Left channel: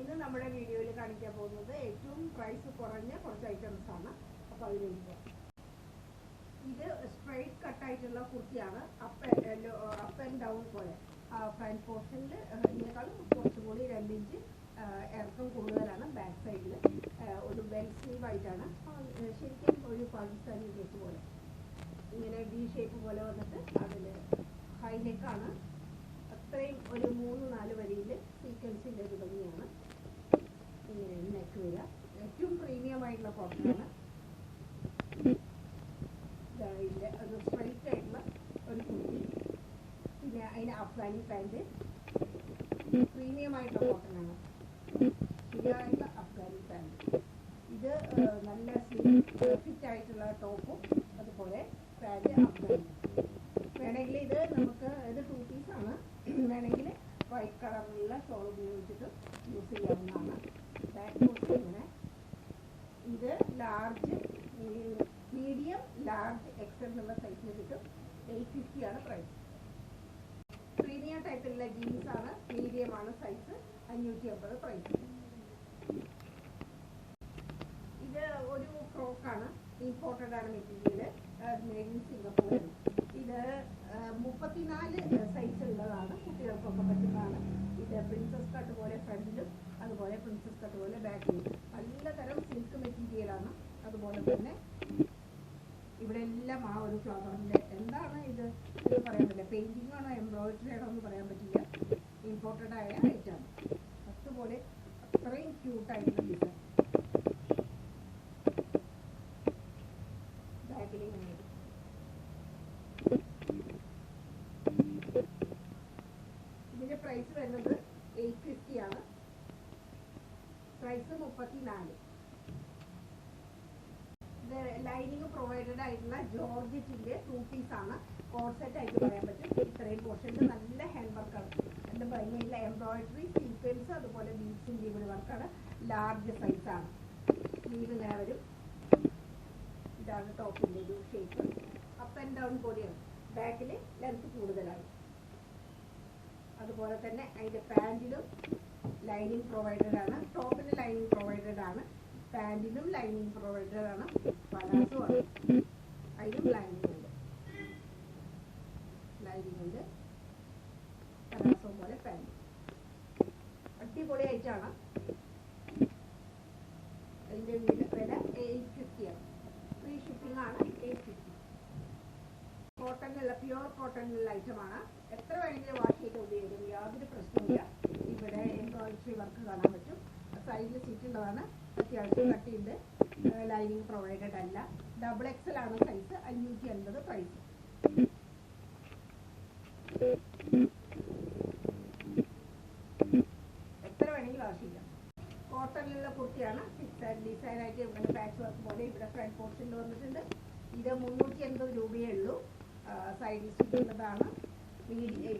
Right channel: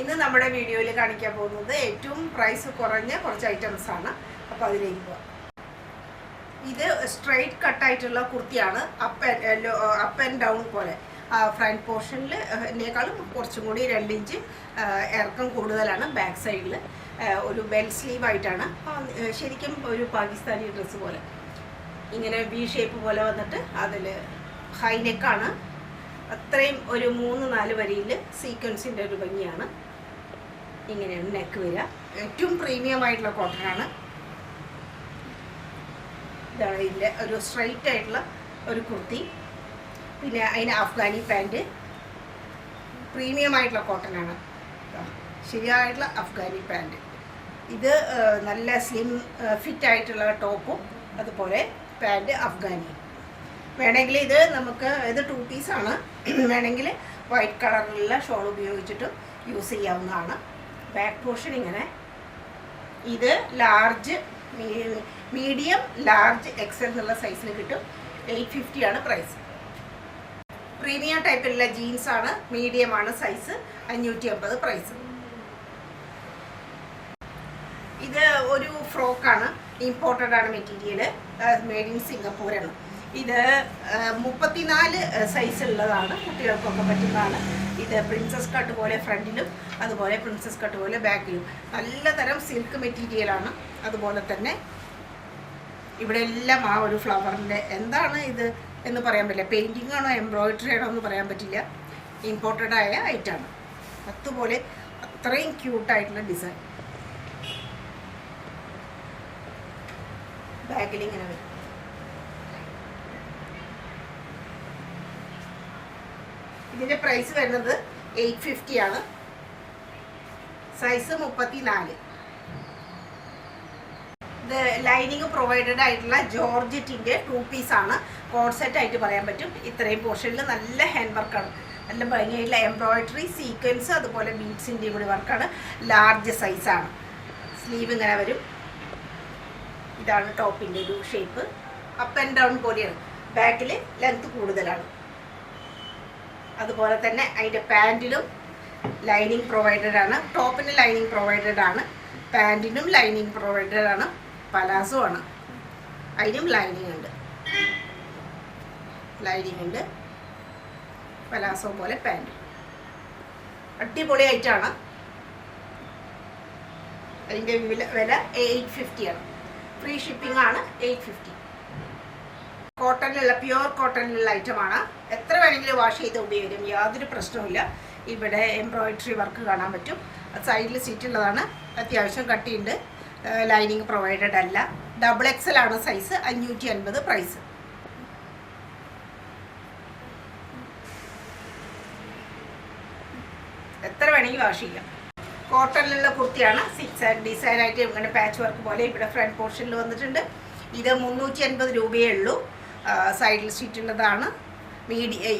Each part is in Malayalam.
ഇന്ന് നമ്മുടെ വീഡിയോയിൽ കാണിക്കാൻ പോകുന്നത് ഏറ്റവും പ്രൈസ് കുറഞ്ഞ കുറച്ച് ഐറ്റംസ് ആണ്. അപ്പോൾ അതിലേക്ക് പോകാം. ഇത് സ്ട്രെയിറ്റ് കട്ടായിട്ടുള്ള കുർത്തിയാണ്. അപ്പ് ആൻഡ് ഡൗൺ പോലെ ഫ്രണ്ട് പോർഷനിൽ എന്നേക്കാളും കുറച്ചും കൂടി 2 ഇഞ്ച് ഇറക്കം കൂടുതലാണ്. ബാക്ക് സൈഡിൽ ഒരു ബെൽ സ്ലീവ് ആയിട്ടാണ്. ശരിക്കും ഒരു പാകിസ്ഥാനി ഡ്രസ്സ് പോലെ ഇങ്ങനെ വി ഷേപ്പ് പോലെ വന്നിട്ട് അതിൽ ഹൈ നെക്കാണ്. അത്രയും ഒരു 3-4 വരിയിൽ സീക്വൻസിൻ്റെ ഒരു ഭംഗിയാണ്. ഇങ്ങനെയാണ് നെക്ക് വരിക. ഏറ്റവും പ്രീമിയം ആയിട്ടുള്ള കോട്ടനാണ്. ഇതാണ് ഇതിൻ്റെ ഒരു സ്ട്രൈറ്റ് ആയിട്ടുള്ള ഒരു കുർത്തി. പിന്നെ അതിന് അഫ്ഗാനി പാൻറ്റ്. പ്രീമിയം ആയിട്ടുള്ള കോട്ടനാണ്. ശരിയായിട്ടുള്ള അഫ്ഗാനി പാൻറ്റ്. ഇത് നല്ല സ്ലിം ഫിറ്റ് ആയിട്ടുള്ള ടോപ്പും അതുപോലെ പാൻറ്റ് അഫ്ഗാനി. വേണമെങ്കിൽ ഇത് നമുക്ക് ഇത് 2 പീസാണ്. വേണമെങ്കിൽ വൈറ്റ് കളറിലുള്ള ഷോൾ ഉപയോഗിച്ചിട്ട് യൂസ് ചെയ്യാവുന്നതാണ്. ബാക്ക് പോർഷൻ ഇങ്ങനെ. ഇത് ലാർജ്, മീഡിയം, ലാർജ്, എക്സൽ എന്നുള്ള സൈസിന് കിട്ടും. 850 ആണ് പ്രൈസ്. പ്രീമിയം ടൈപ്പിലുള്ള ജീൻസാണ്. മീഡിയം ആണ് സൈസ്. 550 പ്രൈസ്. ഇത് ഒരു ഫ്രോക്കാണ്. ഇമ്പോർട്ടഡ് ആണ് മെറ്റീരിയൽ. മെയ്ഡ് ഇൻ സിംഗപ്പൂരാണ്. ഇത് 34 സൈസുള്ളതാണ്. കുട്ടികൾക്കൊക്കെ പറ്റുന്നതാണ്. ഇത് പ്രിൻസസ് കട്ട് പോലെ ഫ്രണ്ടിലും അതുപോലെ പ്രിൻസസ് കട്ട് പോലെ ബാക്കിലും. നല്ല തരം സിൽക്ക് മെറ്റീരിയലാണ്. അതുപോലെ തന്നെ ഇവിടെ എല്ലാം ആ ഒരു ഫ്ലവറിൻ്റെ എന്താണ് ഇത് എന്ന് പറയാൻ പറ്റില്ല. പെയിൻറ്റിംഗ് ആണോ എംബ്രോയിഡറി ആണോ എന്ന് പറയാൻ പറ്റില്ല. ഇമ്പോർട്ടഡ് ആയ ഐറ്റാണ്. അതുപോലെ അത്രയും ക്യൂട്ടായിട്ടുള്ള ഡിസൈൻ. ബാക്കിൽ ഇങ്ങനെ വരും. ഇതിന്റെ പ്രൈസ് വരുന്നത് 850 ആണ്. സൈസ് 34. ഇത് ലൈനിങ് പ്രൊവൈഡഡ് ആയിട്ടുള്ള ജോർജറ്റിന്റെ 2 പീസാണ്. കോഡ് സെറ്റ് ആയിട്ട് പറയാൻ പറ്റും. ഇത്രയും പോർഷനിൽ നല്ല ഹാൻഡ് വർക്കാണ്. നല്ല ഭംഗിയായിട്ടുള്ള എംബ്രോയിഡറി, സീക്വൻസ്, അതുപോലെ ബീഡ്സിൻ്റെ കൂടി വർക്കാണ്. ലാർജ് സൈസാണ്. സ്ലീവ് ഇങ്ങനെ വരും. ഇതാണ് ടോപ്പിൻ്റെ ഒരു ഷേപ്പ്. അപ്പ് ആൻഡ് ഡൗൺ പോലെയാണ്. ബാക്കിൽ ലെങ്ത് കൂടുതലാണ്. അതുപോലെ തന്നെ അതിൻ്റെ പാൻറ്റിലും ലൈനിങ് പ്രൊവൈഡഡ് ആണ്. ടോപ്പിന് ലൈനിങ് പ്രൊവൈഡഡ് ആണ്. പാൻറ്റിനും ലൈനിങ് പ്രൊവൈഡഡ് ആണ്. പലാസോ ആണ്. അതിനും ലൈനിങ് ഉണ്ട്. പലാസോ പോലെ പാൻറ്റ്. അടിപൊളി ആയിട്ടാണ്. അതിൻ്റെ വില 850 ആണ്. ഫ്രീ ഷിപ്പിംഗ് ആണ്. 850. കോട്ടണിലുള്ള, പ്യുവർ കോട്ടണിലുള്ള ഐറ്റമാണ്. എത്ര വേണമെങ്കിലും വാഷ് ചെയ്ത് ഉപയോഗിക്കും. യാതൊരു പ്രശ്നവുമില്ല. ഇവിടെ എംബ്രോയിഡറി വർക്ക് കാണാൻ പറ്റും. സൈഡിൽ സീറ്റുള്ളതാണ്. അത്യാവശ്യം കട്ടിയുണ്ട്. ലൈനിങ് പ്രൊവൈഡഡ് അല്ല. XXL ആണ് സൈസ്. 550 പ്രൈസ്. എത്ര വേണമെങ്കിൽ വാഷ് ചെയ്യാം. കോട്ടണിലുള്ള കുർത്തിയാണ്. 6 ആൻഡ് ഡിസൈൻ ആയിട്ട് ഇങ്ങനെ പാച്ച് വർക്ക് പോലെ ഇവിടെ ഫ്രണ്ട് പോർഷനിൽ വന്നിട്ടുണ്ട്. ഇത് 350 രൂപയേ ഉള്ളൂ. സൈഡിൽ സീറ്റുള്ളതാണ്.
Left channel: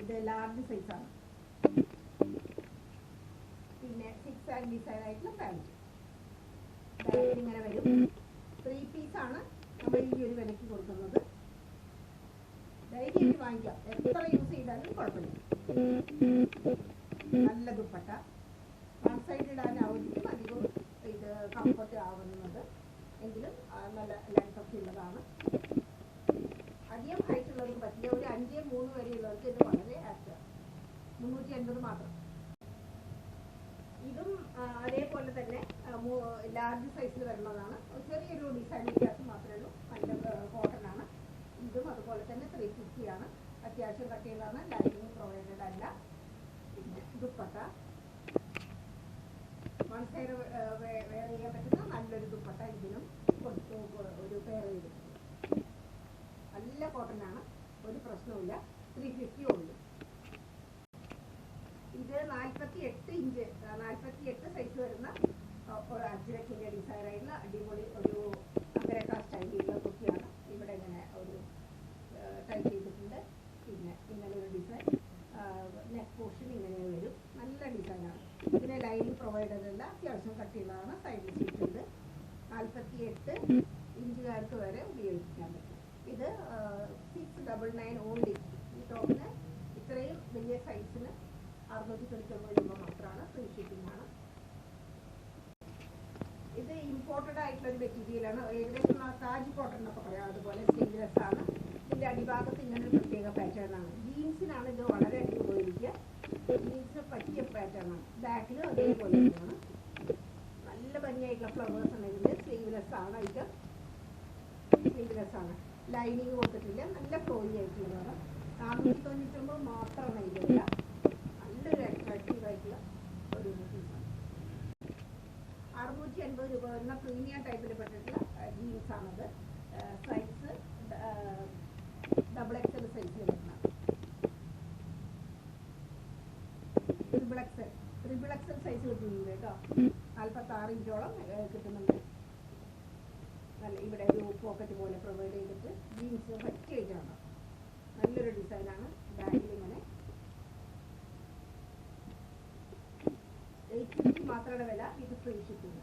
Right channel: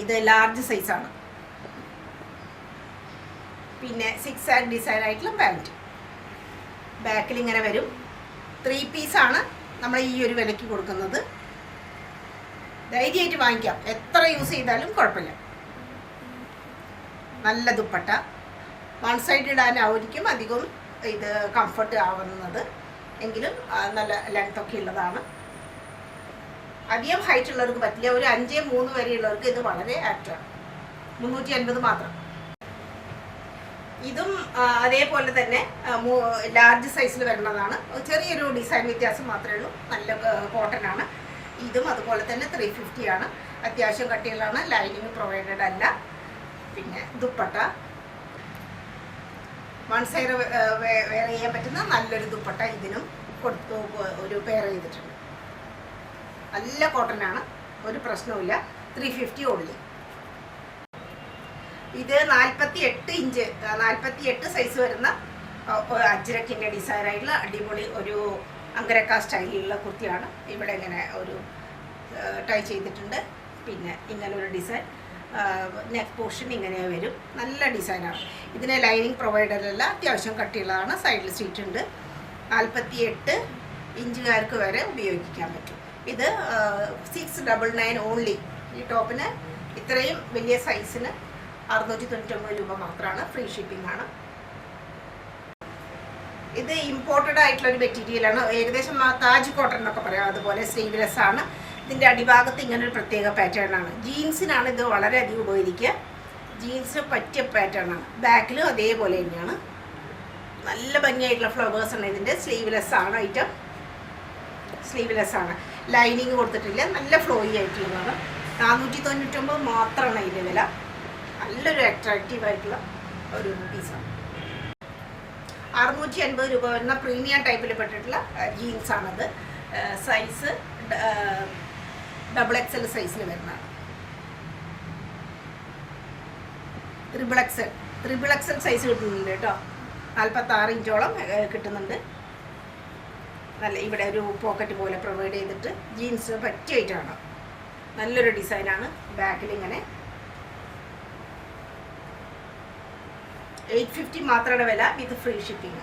ഇത് ലാർജ് സൈസാണ്. പിന്നെ 6 ആൻഡ് ഡിസൈൻ ആയിട്ടുള്ള പാൻറ്റ്. ബാക്കിൽ ഇങ്ങനെ വരും. 3 പീസാണ് നമ്മൾ ഈ ഒരു വിലയ്ക്ക് കൊടുക്കുന്നത്. ധൈര്യമായിട്ട് വാങ്ങിക്കാം. എത്ര യൂസ് ചെയ്താലും കുഴപ്പമില്ല. നല്ല ദുപ്പട്ട. 1 സൈഡ് ഇടാനായിരിക്കും അധികം ഇത് കംഫർട്ട് ആവുന്നത്. എങ്കിലും നല്ല ലെങ്ത് ഒക്കെ ഉള്ളതാണ്. അധികം ഹൈറ്റ് ഉള്ളവർക്ക് പറ്റില്ല. ഒരു 5-3 വരെയുള്ളവർക്ക് ഇത് വളരെ ആപ്റ്റാണ്. 350 മാത്രം. ഇതും അതേപോലെ തന്നെ ലാർജ് സൈസിൽ വരുന്നതാണ്. ചെറിയൊരു ഡിസൈൻ വ്യത്യാസം മാത്രമേ ഉള്ളൂ. നല്ല കോട്ടനാണ്. ഇതും അതുപോലെ തന്നെ 350 ആണ്. അത്യാവശ്യം കട്ടികളാണ്. ലൈനിങ് പ്രൊവൈഡഡ് അല്ല. പിന്നെ ദുപ്പട്ട 1 സൈഡ് വെയർ ചെയ്യാൻ പറ്റുന്ന നല്ലൊരു ദുപ്പട്ട ഇതിനും കൊടുത്തു ഒരു പെയർ ചെയ്തിട്ടുണ്ട്. നല്ല കോട്ടനാണ്. ഒരു പ്രശ്നവുമില്ല. 350 ഓൺലി. ഇത് 48 ഇഞ്ച് 48 സൈസ് വരുന്ന അജ്രക്കിൻ്റെ ഡിസൈൻ ആയിട്ടുള്ള അടിപൊളി ഒരു അങ്കരക്ക സ്റ്റൈലിലുള്ള കുർത്തിയാണ്. ഇവിടെ ഇങ്ങനെ ഒരു ടൈ ചെയ്തിട്ടുണ്ട്. പിന്നെ ഇങ്ങനെ ഒരു ഡിസൈൻ. നെക്ക് പോർഷൻ ഇങ്ങനെ വരും. നല്ല ഡിസൈനാണ്. ഇതിന് ലൈനിങ് പ്രൊവൈഡഡ് അല്ല. അത്യാവശ്യം കട്ടിയുള്ളതാണ്. സൈഡിൽ സീറ്റ് ഉണ്ട്. 48 ഇഞ്ചുകാർക്ക് വരെ ഉപയോഗിക്കാൻ പറ്റും. ഇത് 699 ഓൺലി. ഈ ടോപ്പിന് ഇത്രയും വലിയ സൈസിന് 699 രൂപ മാത്രമാണ്. ഫ്രീ ഷിപ്പിംഗ് ആണ്. ഇത് ഇമ്പോർട്ടഡ് ആയിട്ടുള്ള ഒരു മെറ്റീരിയലാണ്. ഏകദേശം താജ് കോട്ടൺ എന്നൊക്കെ പറയാം. അതുപോലെ സ്ലീവ്ലെസ് ആണ്. ഇതിൻ്റെ അടിഭാഗത്ത് ഇങ്ങനെ ഒരു പ്രത്യേക പാറ്റേൺ ആണ്. ജീൻസിനാണ് ഇത് വളരെയധികം ഉപയോഗിക്കുക. ജീൻസിന് പറ്റിയ പാറ്റേൺ ആണ്. ബാക്കിലും അതേപോലെ തന്നെയാണ്. നല്ല ഭംഗിയായിട്ടുള്ള ഫ്ലവേഴ്സ് ആണ്. ഇതിൻ്റെ സ്ലീവ്ലെസ് ആണ് ഐറ്റം. സ്ലീവ്ലെസ് ആണ്. ലൈനിങ് കൊടുത്തിട്ടില്ല. നല്ല ഫ്ലോയി ആയിട്ടുള്ളതാണ്. 499 മാത്രമാണ് ഇതിൻ്റെ വില. നല്ലൊരു അട്രാക്റ്റീവ് ആയിട്ടുള്ള ഒരു പീസാണ്. 650 രൂപ വരുന്ന പ്രീമിയം ടൈപ്പിൽ പെട്ടിട്ടുള്ള ജീൻസാണത്. സൈസ് XXL സൈസിൽ വരുന്നതാണ്. XXL സൈസ് കിട്ടുന്നുണ്ട് കേട്ടോ. 46 ഇഞ്ചോളം കിട്ടുന്നുണ്ട്. നല്ല ഇവിടെ ഒരു പോക്കറ്റ് പോലെ പ്രൊവൈഡ് ചെയ്തിട്ട് ജീൻസിന് പറ്റിയായിട്ടാണ്. നല്ലൊരു ഡിസൈനാണ്. ബാക്കിൽ ഇങ്ങനെ 850 മാത്രമാണ് വില, വിത്ത് ഫ്രീ ഷിപ്പിംഗ്.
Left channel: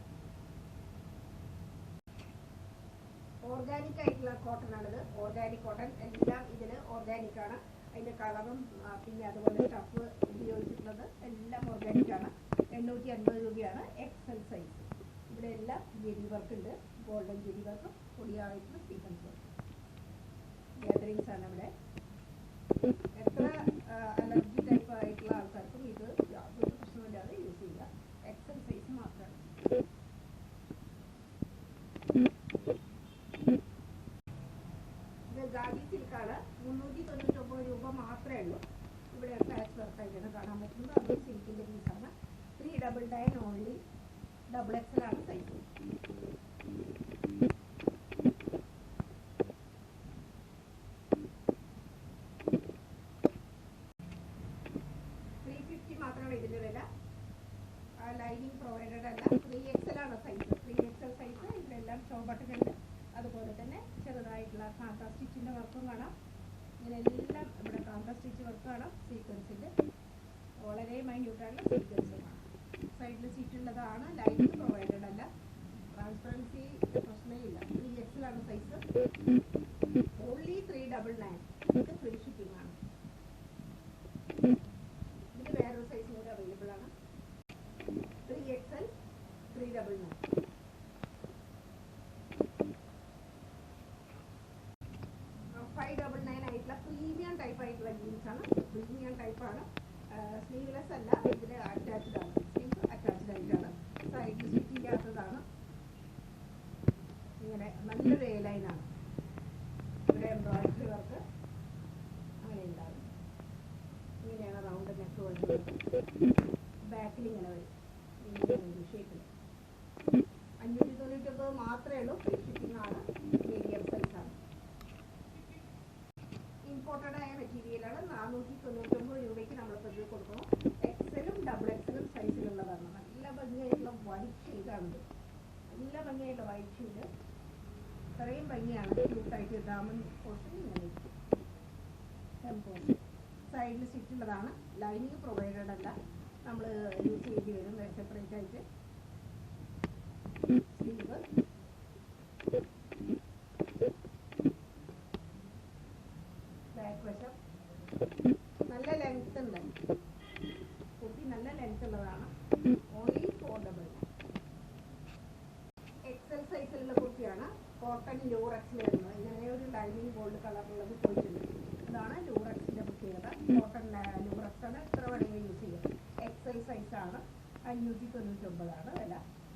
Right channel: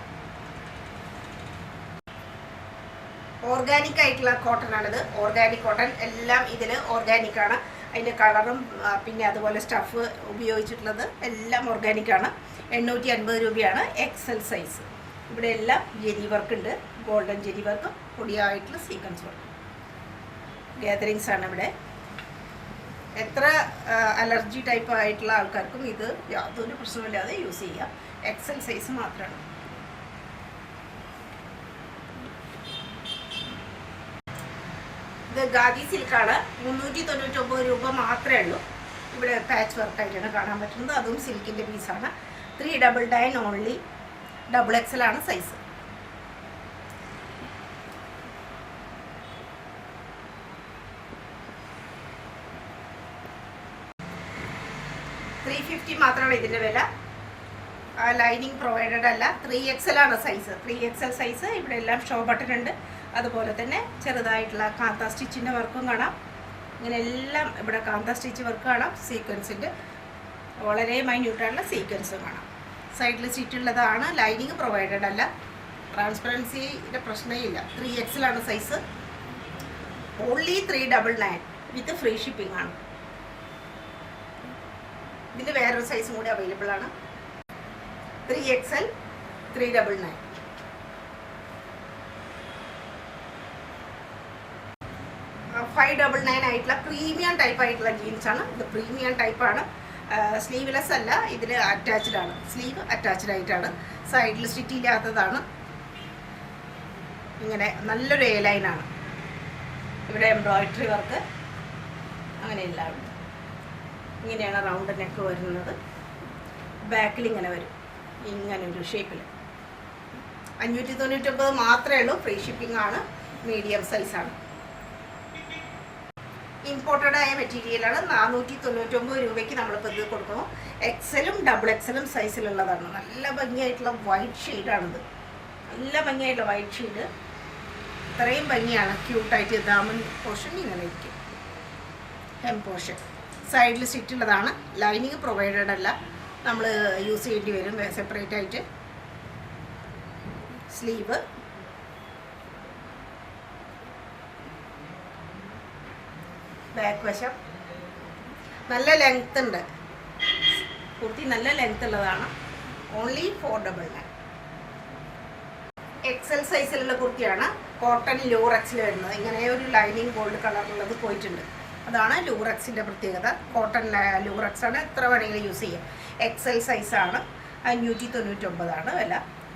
ഓർഗാനിക് ആയിട്ടുള്ള കോട്ടൺ ആണിത്. ഓർഗാനിക് കോട്ടൺ എല്ലാം ഇതിൽ ഓർഗാനിക് ആണ്. അതിൻ്റെ കളറും പിന്നെ അതുപോലെ സ്റ്റഫ് ഉപയോഗിച്ചിട്ടുള്ളത് എല്ലാം ഓർഗാനിക് ആണ്. 850 രൂപയാണ് XL സൈസ്. ഇവിടെ എല്ലാം ജെരി വർക്ക് ഉണ്ട്. ഗോൾഡൻ ജെരി വർക്ക്, പൊടിയായിട്ടുള്ള സീക്വൻസ് വർക്ക്, ഗാദറിങ്സ് ആണ് ഇവിടെ. എത്ര അലർജി ടൈപ്പ് ആയിട്ടുള്ള ആൾക്കാർക്കും ഇത് യാതൊരു പ്രശ്നമില്ലാതെ യൂസ് ചെയ്യാം. XL സൈസ് മാത്രമാണ്. ഇത് ഗാദി സിൽക്കാണ്. 399 രൂപ മാത്രമേ ഉള്ളൂ. ഇവിടെ പാച്ച് വർക്കായിട്ടാണ് കാണാൻ പറ്റുന്നത്. അതും സിൽക്കിൻ്റെ പീസാണ്. 399 ഓൺലി. XXL ആണ് സൈസ്. മാത്രമാണ് ഇതിൻ്റെ വില. ലൈനിങ് പ്രൊവൈഡഡ് അല്ല. 3XL ആണ് സൈസ്. 3XL size. ഇവിടെ എല്ലാം ഷോ ബട്ടൺ ഉണ്ട്. അതുപോലെ തന്നെ ചെറുതായിട്ടുള്ള കാന്ത സ്റ്റിച്ചിൻ്റെ വർക്കും കാണാം. ഇങ്ങനെ എല്ലാം ഇവിടെ കാന്ത സ്റ്റിച്ച് വർക്ക് കാണാം. സീക്വൻസിൻ്റെ വളരെ മൈന്യൂട്ടായിട്ടുള്ള സീക്വൻസും കാണാം. സൈഡിൽ സ്റ്റിച്ചുള്ളതാണ്. ലൈനിങ് പ്രൊവൈഡഡ് അല്ല. ട്രാൻസ്പെറൻസിയുടെ പ്രശ്നമില്ല. 3XL ആണ് സൈസ്. ഓൺലി 399 വിത്ത് ഫ്രീ ഷിപ്പിംഗ് ആണ്. ഇതിൻ്റെ വേറൊരു സൈസും കൂടി അവൈലബിൾ ആണ്. 3XL 399. 599 ആയിട്ടുള്ള പ്രീമിയം ടൈപ്പ് ആയിട്ടുള്ള ജീൻസാണ്. ഇത് പ്രീമിയം ടൈപ്പാണ്. സ്ലീവ്ലെസ് അല്ല. ഇതിൽ അറ്റാച്ച്ഡ് ആണ്. സ്ലീവ് അറ്റാച്ച്ഡ് ആയിട്ടാണ്. സൈഡിൽ സ്റ്റിച്ച് ഇല്ലാത്തതാണ്. ഇങ്ങനെ നല്ലൊരു എ ലൈനാണ്. ഇവിടെ എംബ്രോയിഡറി വർക്ക് അങ്ങനെയെല്ലാം ഉണ്ട്. ഇങ്ങനെയാണ് റൗണ്ട് നെക്ക് വരുന്നത്. ബാക്കിൽ ഇങ്ങനെ വരും. ഇങ്ങനെ ഒരു ഷേപ്പിൽ. 599 മാത്രമേ ഉള്ളൂ. ഫ്രീ ഷിപ്പിംഗ് ആണ്. മീഡിയം സൈസാണ്. ഇമ്പോർട്ടഡ് ആയ മെറ്റീരിയലാണ്. 499 രൂപയ്ക്ക് നമ്മളിപ്പോൾ ഇത് കൊടുക്കുന്നു. XLും XXLും സൈസിലുള്ളതാണ്. നല്ല ഭംഗിയായിട്ടുള്ള വൈറ്റ് ഷെയ്ഡാണിത്. നല്ല ഭംഗിയായിട്ടുള്ള വൈറ്റ് ഷെയ്ഡ്. ഇത്രയും ഭംഗിയാണ്. ക്യൂട്ടായിട്ട് ദാമൻ പോർഷൻ ഇങ്ങനെ ഇരിക്കും. ഹെം പോർഷൻ സൈഡിൽ സ്റ്റിച്ചുള്ളതാണ്. ലൈനിങ് പ്രൊവൈഡഡ് അല്ല. നമ്മൾ യൂസ് ചെയ്യേണ്ടി വരും സെപ്പറേറ്റ് ആയിട്ട്. സ്ലീവ്, ബാക്ക് വശം നല്ല ലെങ്ത് ഉണ്ട്. കുർത്തി നല്ല ലെങ്ത് ഉള്ളതാണ്. ഓൺലി 499. XL സൈസിലുള്ള കുർത്തിയാണ്. കോട്ടൺ ലൂറക്സിൽ വരുന്നത്. ഇങ്ങനെ ഒരു ലൈനിങ് ഗോൾഡ് കളറുള്ളത് പോയിട്ടുണ്ട്. അതാണ് ലൂറക്സിൻ്റെ പ്രത്യേകത. കോട്ടൺ ലൂറക്സ് ആണ്. എത്ര വേണമെങ്കിലും യൂസ് ചെയ്യാം. XL സൈസാണ്. 599 വില.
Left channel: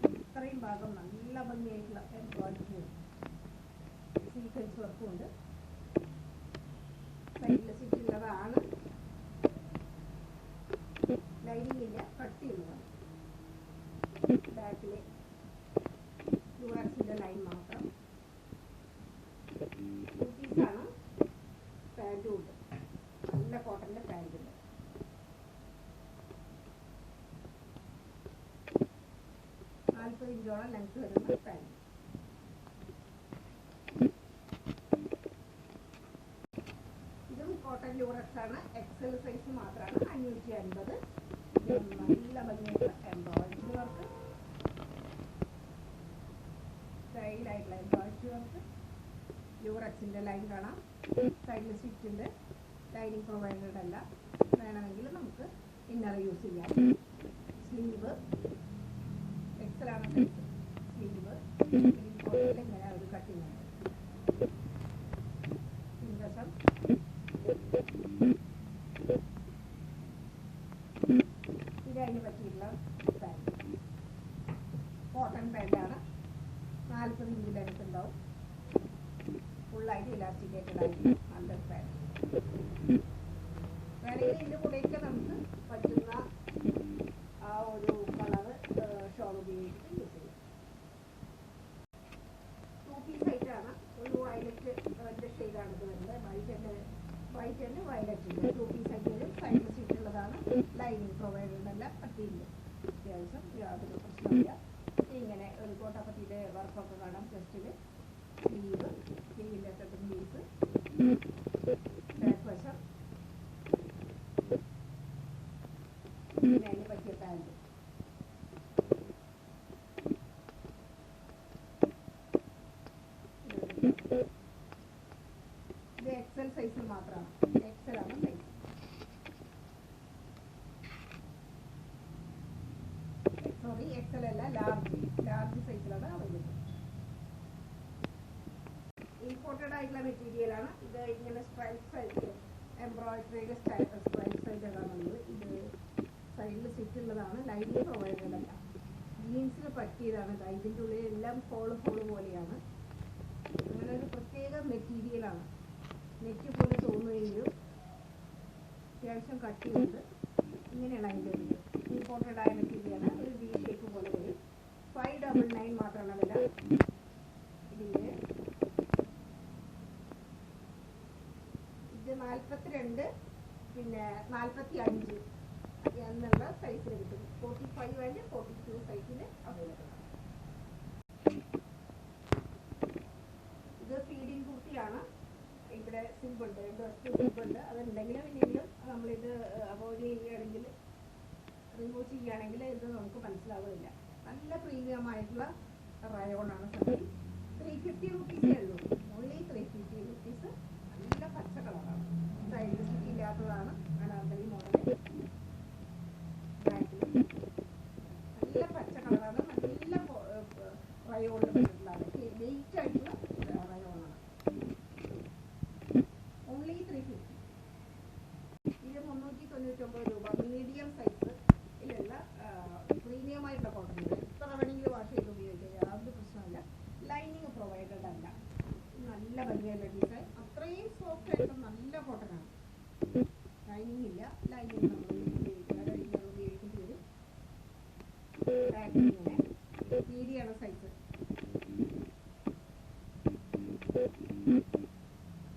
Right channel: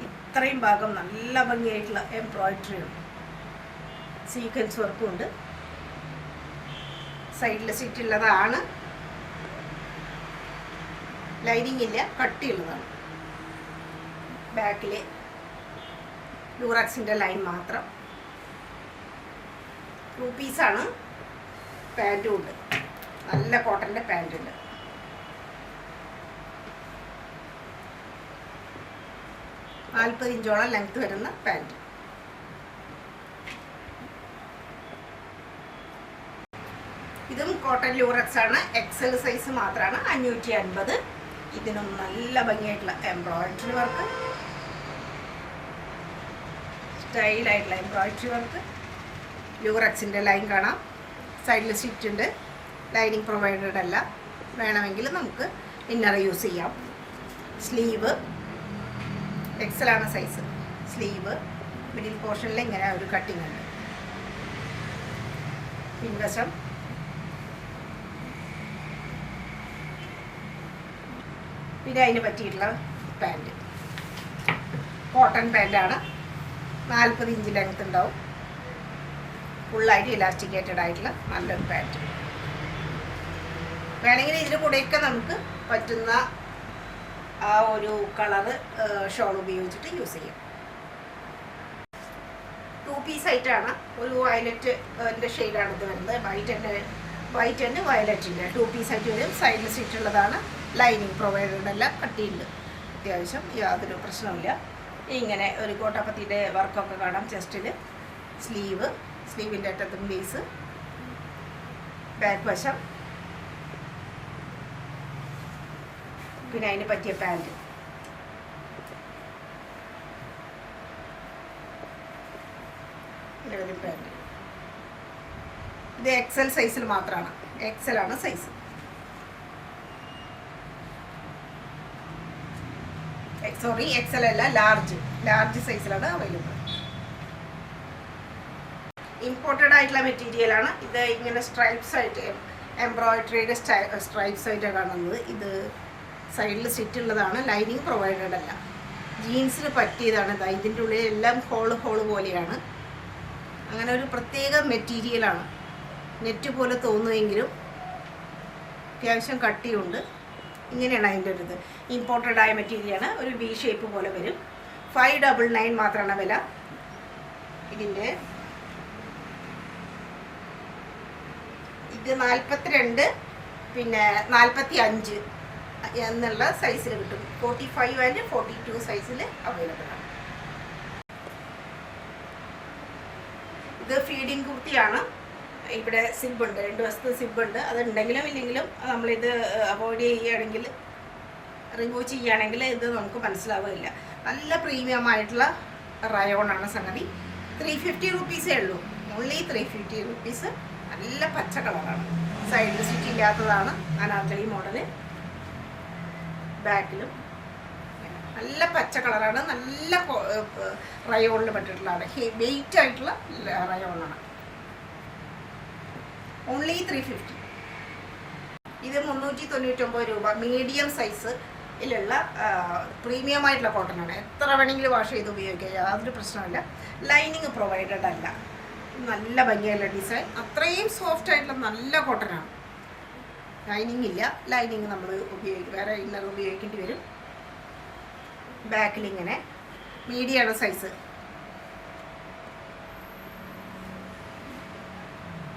ഇത്രയും ഭാഗം നല്ല ഭംഗിയായിട്ടുള്ള എംബ്രോയിഡറി ഉണ്ട്. സീക്വൻസ് വർക്കും ഉണ്ട്. സൈഡിൽ സ്റ്റിച്ചുള്ളതാണ്. ലൈനിങ് ഇല്ല. കട്ടിയുള്ളതാണ്. ബാക്കിൽ ലൂറക്സിൻ്റെ ലൈൻ മാത്രം. 2 പീസാണ്. പാൻറ്റും ഉണ്ട്. നല്ല കോട്ടൻ്റെ പാൻറ്റുണ്ട്. നാൽപ്പത് ഇഞ്ചോളം ലെങ്ത് വരുന്ന പാൻറ്റ്. ഇതും കോട്ടൺ ലൂറക്സ് ആണ്. XL സൈസ് മാത്രമാണ്. 550. ഇതിനും നല്ല ഭംഗിയായിട്ടുള്ള എംബ്രോയിഡറി വർക്ക്, സ്റ്റൈലായിട്ടുള്ള എംബ്രോയിഡറി വർക്ക്. ലൂറക്സിൻ്റെ ലൈൻ കാണാം. സൈഡിൽ സ്റ്റിച്ച് ഉണ്ട്. ലൈനിങ് പ്രൊവൈഡഡ് അല്ല. വേണമെങ്കിൽ നമുക്ക് ഇന്നർ യൂസ് ചെയ്യാം. സ്ലീവ് XL ആണ് സൈസ്. സ്ലീവ്, മിഡിൽ പോർഷനിൽ ഇങ്ങനെ ഒരു കട്ടിങ് ഉണ്ട്. പിൻവശം പിന്നെ അതിന് പറ്റിയിട്ടുള്ള പാൻറ്റ്, കോട്ടൺ പാൻറ്റാണ്. 40 ഇഞ്ച് ലെങ്ത് ഉണ്ടാവും. ഫുള്ളായിട്ട് ഇലാസ്റ്റിക്കേറ്റഡ് ആയിട്ടുള്ള നല്ലൊരു പാൻറ്റ്. വേണമെങ്കിൽ ഇതിന് കൂടെയൊക്കെ നമുക്ക് പറ്റുന്ന ആ ഒരു കളറ് ഷോൾ ഉപയോഗിച്ചിട്ട് യൂസ് ചെയ്യാം. 2 പീസ് ആയിട്ടാണ്. ഒരു വയലറ്റിൻ്റെ ഷെയ്ഡാണ് ഇത് വരുന്നത്. വൈറ്റ് ആൻഡ് വയലറ്റിൻ്റെ 2 പീസ് ആയിട്ട് വരും. സൈഡിൽ സ്റ്റിച്ചുള്ളതാണ്. ലൈനിങ് പ്രൊവൈഡഡ് അല്ല, കട്ടിയുണ്ട് അത്യാവശ്യം, യാതൊരു പ്രശ്നമില്ല. ഇങ്ങനെ ഒരു കോട്ടാപ്പത്തിൻ്റെ വർക്കൊക്കെ കാണാം ചെസ്റ്റിൽ. സ്ലീവിൻ്റെ അറ്റത്തും ലേസ്, ബാക്ക് വശം, പിന്നെ അതിന് പറ്റിയ പാൻറ്റ്. ഇത് XL സൈസിൽ മാത്രമാണ്. XL ആണ് സൈസ്. സോറി, XL അല്ല, ലാർജ് സൈസിലാണ് അവൈലബിൾ. ഇമ്പോർട്ടഡ് ആയിട്ടുള്ള മെറ്റീരിയലാണ് ഇത്. ഇങ്ങനെ സ്ട്രൈപ്സ് ആയിട്ട് എംബ്രോയിഡറിയുടെ സ്ട്രൈപ്സ് ആയിട്ടാണ് കാണുന്നത്. ഇത് സൈഡിൽ സ്റ്റിച്ച് ഉള്ളതാണ്. ലൈനിങ് പ്രൊവൈഡഡ് അല്ല. ജീൻസിന് പറ്റിയതാണ്. ഇതിൻ്റെ ഉള്ളിൽ എല്ലാം ഹോള് പോലെയാണ്. അങ്ങനെ ഒരു പ്രത്യേക മെറ്റീരിയലാണ്. നെറ്റ് പോലെ തോന്നുമെങ്കിലും അത്യാവശ്യം കട്ടിയുണ്ട്. ഇങ്ങനെയാണ് അതിൻ്റെ ഒരു ഇത്. ഇമ്പോർട്ടഡ് ആയ മെറ്റീരിയലാണ്. ഒരു V ഷേപ്പ് പോലെ വരും. 599 മാത്രമാണ് വില. ഇതിൻ്റെ ഇത് 42 പിന്നെ 45 എന്നുള്ള സൈസിൽ കിട്ടും. 45 ആൻഡ് 42 സൈസിൽ അവൈലബിൾ ആണ്. ഇത് ഫീഡിങ് കുർത്തിയാണ്. ഇവിടെ സിബുണ്ട്, 2 വശത്ത് സിബുണ്ട്. അതുണ്ടെങ്കിലും ഇല്ലെങ്കിലും നമ്മളിത് അവോയ്ഡ് ചെയ്യുകയാണെങ്കിൽ, റിമൂവ് ചെയ്യുകയാണെങ്കിൽ ഇത് നമുക്ക് മനസ്സിലാവില്ല. നല്ല പ്രീമിയം ആയിട്ടുള്ള റയോണാണ് സംഗതി. 350 റുപ്പീസേ ഉള്ളൂ. Only 350 rupees. നല്ല പച്ച കളറാണ്. സൈഡിൽ സ്റ്റിച്ച് ഇല്ലാത്തതാണ്. അനാർക്കലി മോഡല്. ബാക്കിലും നല്ല പച്ച കളറാണ്. നല്ല റയോണിൽ പെട്ടിട്ടുള്ളതാണ്. വെയിറ്റ് ആയിട്ടുള്ള റയോണാണ്. ഓൺലി 350. ഇത് 399 രൂപ. മീഡിയം സൈസിലുള്ള പ്രീമിയം ആയിട്ടുള്ള കോട്ടനാണ്. എത്ര വേണമെങ്കിലും വാഷ് ചെയ്ത് ഉപയോഗിക്കാം, യാതൊരു പ്രശ്നമില്ല. ലൈനിങ് പ്രൊവൈഡഡ് അല്ല. നല്ല ഭംഗിയുള്ള ഡിസൈൻ. അത്രയും സോഫ്റ്റ് ആയിട്ടുള്ള നല്ല കോട്ടനാണ്. ലൈനിങ് ഇല്ല. ലൈനിങ് നമ്മൾ വേറെ ഇന്നർ ഉപയോഗിക്കേണ്ടി വരും. ബാക്കിൽ ഇങ്ങനെ മീഡിയമാണ് സൈസ്.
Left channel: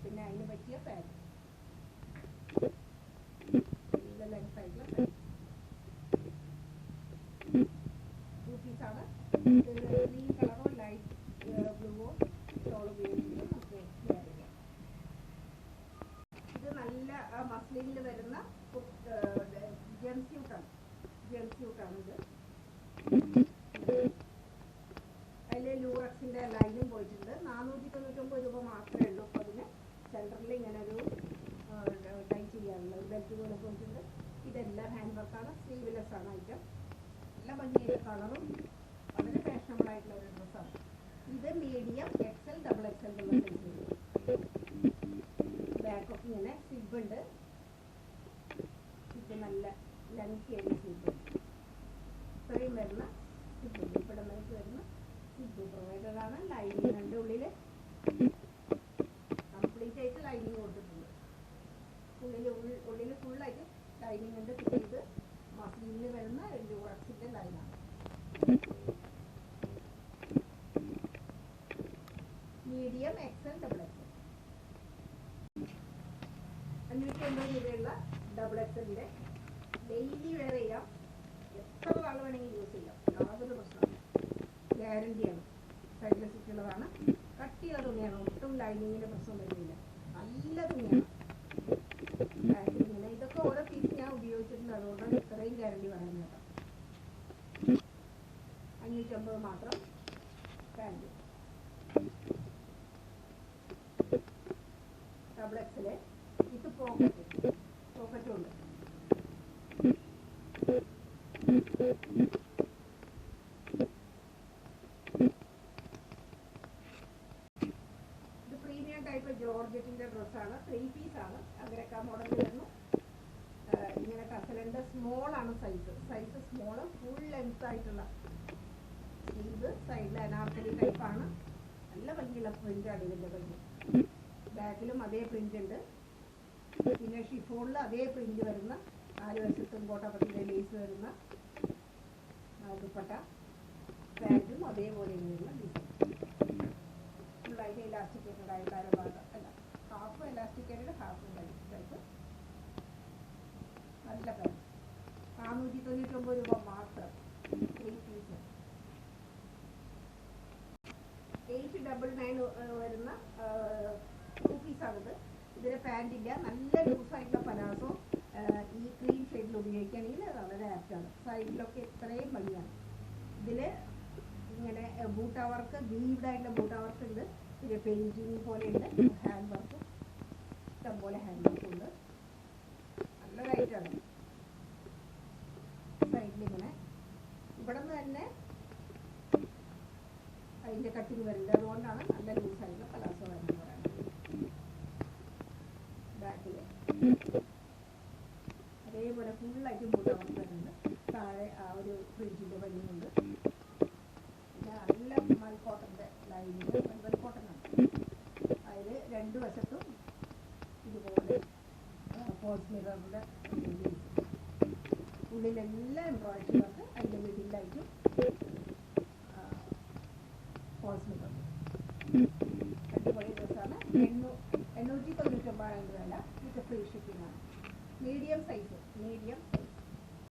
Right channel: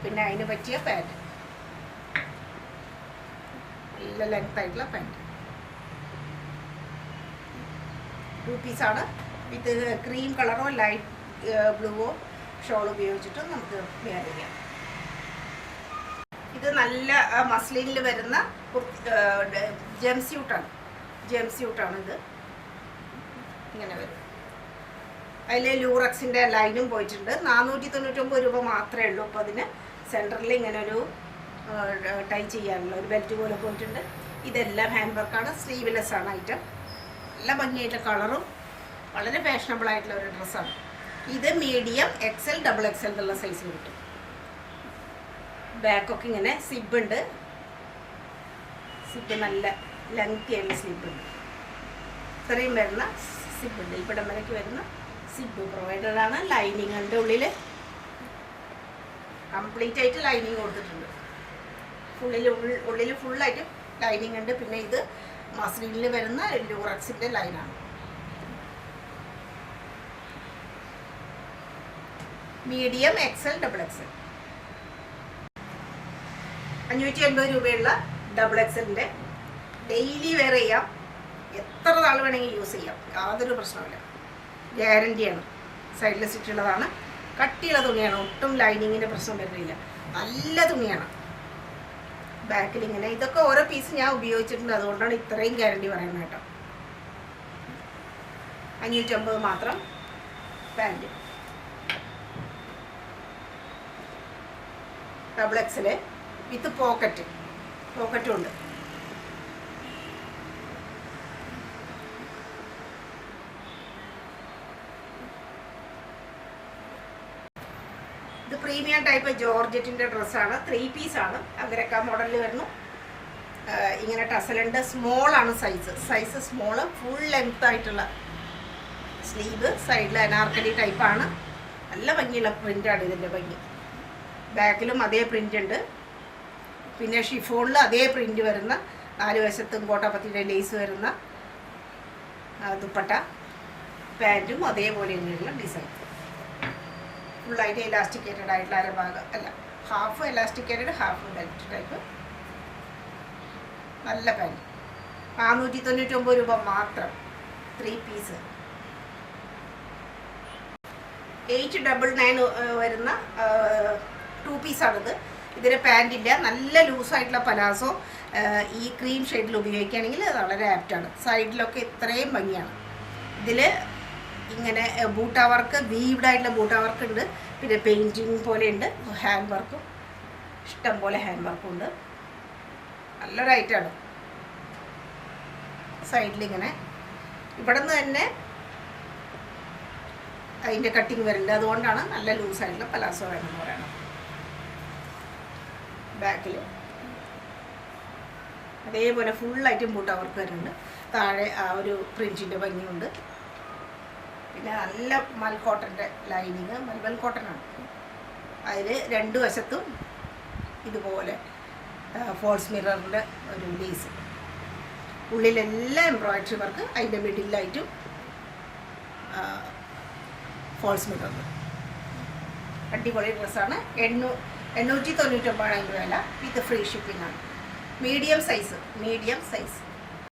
പിന്നെ അതിന് പറ്റിയ പാൻറ്റ്, നല്ല ലെങ്ത് ആയിട്ടുള്ള പാൻറ്റ്. 2 പീസാണ്. ഇത് ക്രീം കളറോ ലൈറ്റ് ബ്ലൂവോ ഷോൾ ഉപയോഗിച്ചിട്ട് നമുക്ക് വെയർ ചെയ്യാം. ഇത് നല്ല മസ്ലിനിൽ വരുന്ന ജംസ്യൂട്ടാണ്. ഇത് ഇങ്ങനെ വരും. അതിൽ ലൂറക്സിൻ്റെ ലൈനും പോയിട്ടുണ്ട്. 499 രൂപ മാത്രമേ ഉള്ളൂ. അപ്പോൾ അതിന് സെൻറ്ററിൽ ഇങ്ങനെ ഒരു ടൈ ചെയ്യാനുള്ള ഒരു ബെൽറ്റ് പോലെ പോയിട്ടുണ്ട്. ഇതെല്ലാം ഹാൻഡ് വർക്കാണ്. സ്ലീവ്ലെസ് ആണ് ഐറ്റം. നല്ല ഭംഗിയായിട്ടുള്ള കളറും വളരെ ഫാഷനബിൾ ആയിട്ടുള്ള ഒരു ഡ്രസ്സാണ്. ഇത് മീഡിയം XL, XXL എന്നുള്ള സൈസിൽ കിട്ടും. ബാക്കൊക്കെ ഇങ്ങനെ സിബുണ്ട്. സിബ് നല്ല ലെങ്തി ആയിട്ടുള്ള സ്ലിബുണ്ട്. ഇത്രയും വരുന്ന സിബുണ്ട്. ഇവിടം വരയ്ക്ക് വരുന്ന സിബ് പ്രൊവൈഡറാണ്. ലൈനിങ്ങിൻ്റെ ഉള്ളിൽ കംപ്ലീറ്റ് ആയിട്ട് ലൈനിങ് കൊടുത്തിട്ടുണ്ട്. ഉള്ളിൽ ഫുള്ളായിട്ട് ലൈനിങ് ഉണ്ട്. പിന്നെ ഇത് മസ്ലിനിൽ വരുന്ന ലൂറക്സിൻ്റെ ലൈനാണ്. Medium XL, XXL. 580 രൂപയുള്ള XXLൻ്റെ ഡെയിലി വെയർ ചെയ്യാം. എത്ര നാൾ വേണമെങ്കിൽ യൂസ് ചെയ്യാം, യാതൊരു പ്രശ്നമില്ല. ഗ്യാരണ്ടിയാണ്. സൈഡിൽ സ്റ്റിച്ചുള്ളതാണ്. കട്ടിയുള്ള തുണിയാണ്. ഒട്ടും ലൈനിങ്ങിൻ്റെ പ്രശ്നം വരുന്നില്ല. നല്ല തുണിയാണ്. ബാക്കിൽ ഇങ്ങനെ ഇതൊക്കെ ഓരോ പീസ് ഞാൻ ഉപയോഗിച്ചിട്ടുണ്ട്. അതുകൊണ്ടാണ് ഇത്രയും ഗ്യാരണ്ടി പറയുന്നത് കേട്ടോ. 550 മാത്രം. പാൻറ്റ് XXL വിത്ത് പോക്കറ്റും ഉണ്ട്. പ്രീമിയം ടൈപ്പ് ജോർജറ്റിൻ്റെ ഡ്രസ്സാണ്, 3 പീസാണ്. അങ്ങനെയൊക്കെ മോഡലിൽ വരുന്നു. ഇങ്ങനെ ടസലുണ്ട്. സ്മോളാണ് സൈസ് സ്മോള്. ഫുൾ ലെങ്ത് ആയിട്ടുള്ള സ്ലീവ്. സൈഡിൽ അനാർക്കലി ടൈപ്പാണ്. നല്ല ഭംഗിയുള്ള പ്രിൻ്റാണ് ഇതിൻ്റെ ഭംഗി. ബാക്കിലും അതേ പ്രിൻ്റ് ഉണ്ട്. പിന്നെ ഷിഫോണിൽ അതേ പ്രിൻ്റ് വരുന്ന 4 വശത്തും കോട്ടാപ്പത്തിയുടെ ലേസ് വരുന്ന ദുപ്പട്ട. പാൻറ്റും അതേപോലെ തന്നെയുള്ള ഡിസൈൻ. ഫുള്ളായിട്ട് എലാസ്റ്റിക്കേറ്റഡ് ആയിട്ടുള്ള അരഭാഗം അല്ല, ഹാഫ് എലാസ്റ്റിക്കേറ്റഡ് ഹാഫ് ബെൽറ്റ് ടൈപ്പ്. നല്ല പാൻറ്റ്. 499 രൂപ മാത്രം. 3 പീസ്. 899 വരുന്ന 2 പീസാണിത്. ഇതിന് പാൻറ്റില്ല. നല്ല ലൂസായിട്ടുള്ള പലാസോ ഈ ക്രീം ഷെയ്ഡിൽ ഉപയോഗിക്കുകയാണെങ്കിൽ അത് വളരെ ആപ്റ്റാണ്. സൈഡിലൊക്കെ ഇത്രയും ഭംഗിയാണ്. ഇതിൽ ഇങ്ങനെ ബൂട്ട വർക്ക്, വീവ്ഡ് ആയിട്ടുള്ള ബൂട്ട വർക്ക് ഉണ്ട്. പിന്നെ പെയിൻറ്റിങ് പോലെ ഉണ്ട്. ഹാൻഡ് വർക്കും ഇഷ്ടം പോലെ ഹാൻഡ് വർക്കും ഉണ്ട്. നല്ലൊരു ഐറ്റമാണ്. സൈഡിലിങ്ങനെ ഇവിടെ നിന്ന് തന്നെ അതിൻ്റെ കട്ടിങ് വരുന്നുണ്ട്. അതുകൊണ്ടാണ് നല്ല ലൂസായിട്ടുള്ള പലാസോ വേണമെന്ന് പറയണം. ബാക്കിൽ അതേപോലെ ഫുള്ളായിട്ട് ബൂട്ട വർക്ക് വരുന്നുണ്ട്. താഴെ ആ ഒരു പ്രിൻറ്റിൻ്റെ ഭംഗിയുണ്ട്. പിന്നെ നല്ല മൽക്കോട്ടൻ്റെ ലൈനിങ്, മൽബൽ കോട്ടനാണ്. അതിൽ 2 വശത്തും ഇതുപോലെ ഫോൾസ് മിററിൻ്റെ ഒരു ലേസ്. ഉള്ളിലെല്ലാം embroidery work. അതിൻ്റെ മിഡിലായിട്ടും ഫോൾസ് മിറർ. അടിപൊളി ഡ്രസ്സാണ്. 899 അതിൻ്റെ വില. വിത്ത് ഫ്രീ ഷിപ്പിംഗ് ആണ്. Medium size.